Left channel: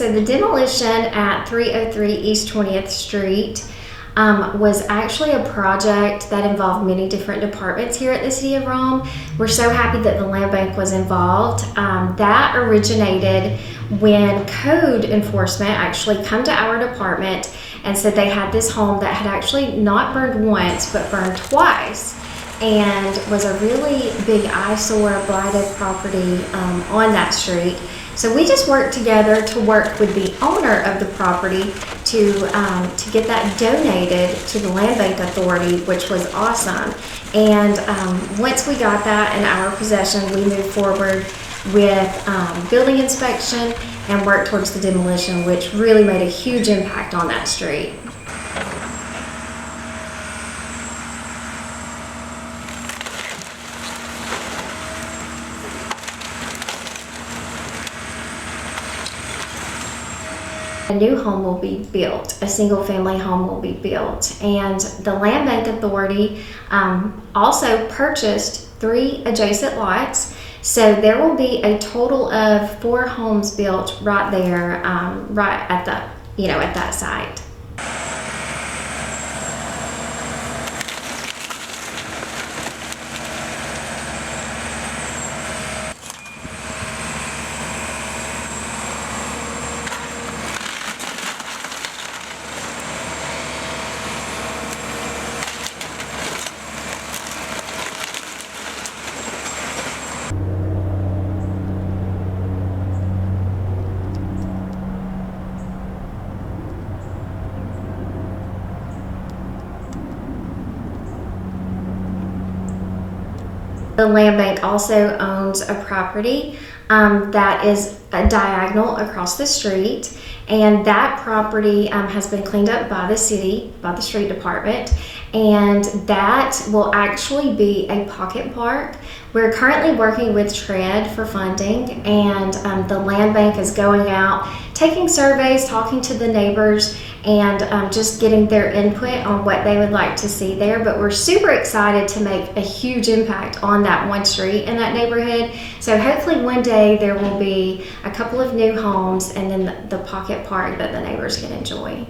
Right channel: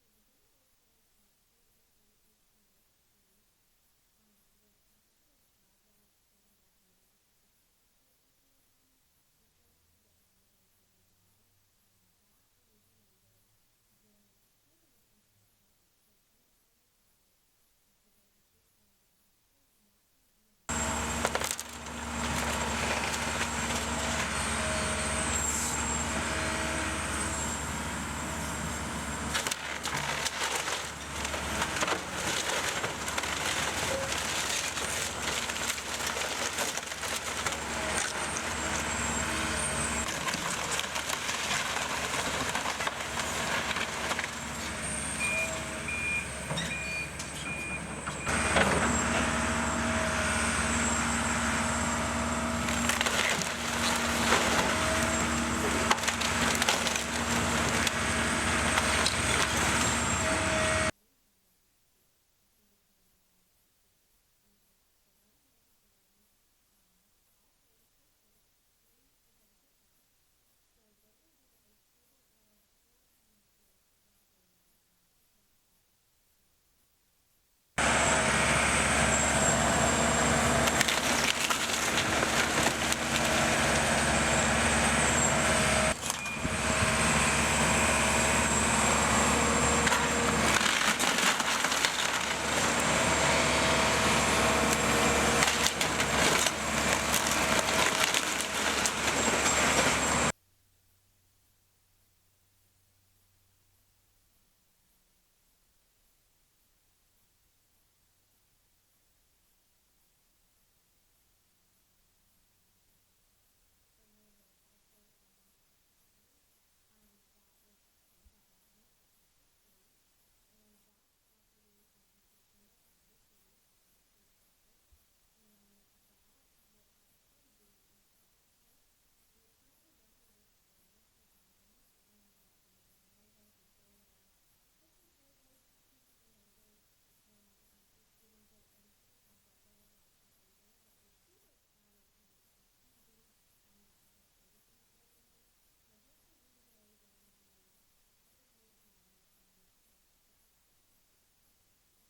so the demolition at 303 East 20th Street was actually a project that involved many different departments here at the City of Rome. We're so happy that the Land Bank was involved. That originated when code enforcement actually come to our department and said they had this home that had actually not burned once but burned twice, and was a really big eyesore, blighted property on that street. So we just worked together to work with the owner of the property to get that donated to the Landbank Authority, which was awesome. And once we got that in our possession, we moved forward with building inspection and worked towards the demolition, which really made a huge impact on that street. A new home will be built, a single family home will be built, and the Land Bank Authority also purchased 3 adjacent lots, so there will be a total of 4 homes built right there, right at the, at that site. The Land Bank also owns a property that is a diagonal across the street, and that property has been cleaned up by the city, by the street department, and that will actually be a pocket park. We're currently working with TRED for funding, and the Land Bank is going out, taking surveys, talking to the neighbors, and just getting their input on what they would like to see there. But we're super excited to make a huge impact on that one street in that neighborhood. So hopefully one day there will be a couple of new homes and then the pocket park that the neighbors can enjoy.